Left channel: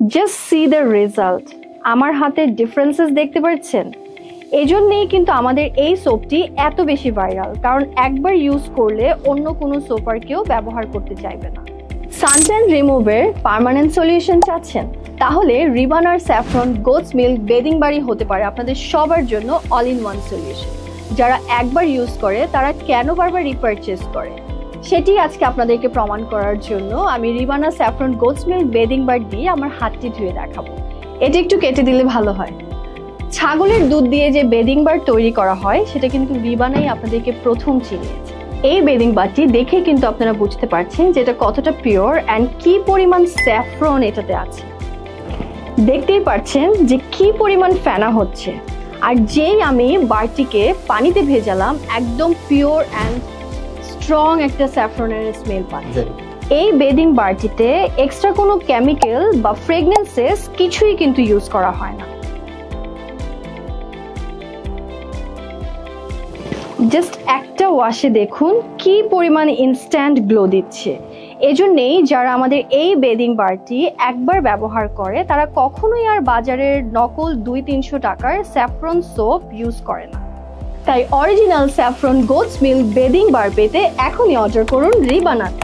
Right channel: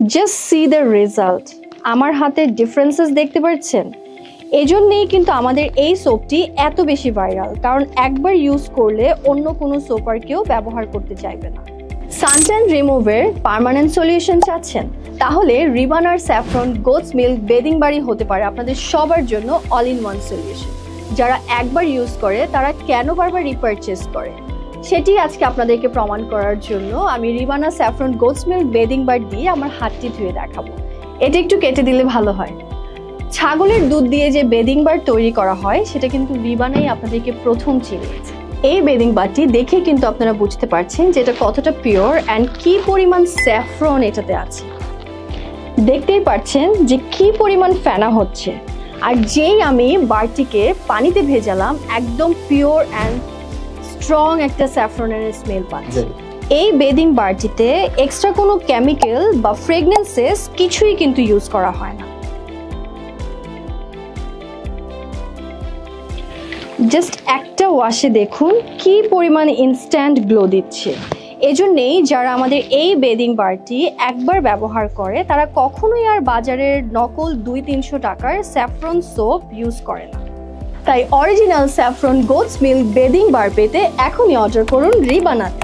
Just see the result. আমার হাতে differences দেখতে পাচ্ছেন? এজন্যই কিন্তু আমাদের এই সোপটি এত বেশি ভাইরাল, কারণ একবার ইউজ করলে অন্য কোনো সোপ আর কেউ ব্যবহার করতে চাইবে না। সানট্যান রিমুভের পার্মানেন্ট সলিউশন চাচ্ছেন? তাহলে রিবানার স্যাফরন গোটস মিল্ক বেদিং বাড়ি হতে পারে আপনাদের সবার জন্য অল ইন ওয়ান সলিউশন। যারা একবার ইউজ করে তারা কেন বারবার রিপারচেজ করে, সেটি আজকে আপনাদেরকে প্রমাণ করার জন্য আমি রিবানা স্যাফরন গোটস মিল্ক বেদিং বার দিয়ে আমার হাতটি ধুয়ে দেখাবো। এটা একটু কেটে দিলে ভালো হয়। ছাগলের দুধ দিয়ে যে বেদিং বার তৈরি করা হয় সেটা কিন্তু রিবানাই আপনাদেরকে প্রথম চিনিয়েছে। এই বেদিং বারটি দেখে কিন্তু আপনারা বুঝতে পারছেন যে এটা কতটা পিওর অ্যান্ড কি পরিমাণ স্যাফরন এটাতে আছে। দেখতেই পাচ্ছেন যে কি পরিমাণ ফেনা হচ্ছে, আর যেই আমি বারটিকে পানিতে ভেজালাম একদম পিওর অ্যান্ড স্ট্রং একটা স্যাফরনের স্মেল পাচ্ছি। এই বেদিং বারটিতে এক্সট্রা কোনো কেমিক্যাল বা ফ্রেগনেন্সেস কিছুই কিন্তু ইউজ করা হয় না। জাস্ট একটা ওয়াশে দেখুন কি পরিমাণ ইনস্ট্যান্ট গ্লো দিচ্ছে। এজন্যই যারা আমাদের এই বেদিং বারটি একবার ব্যবহার করে তারা কখনোই আর বাজারের নকল 200-300 টাকার স্যাফরন সোপ ইউজ করে না। তাই original saffron goat's milk bathing bar পেতে এখনই অর্ডার করুন রিবানাতে।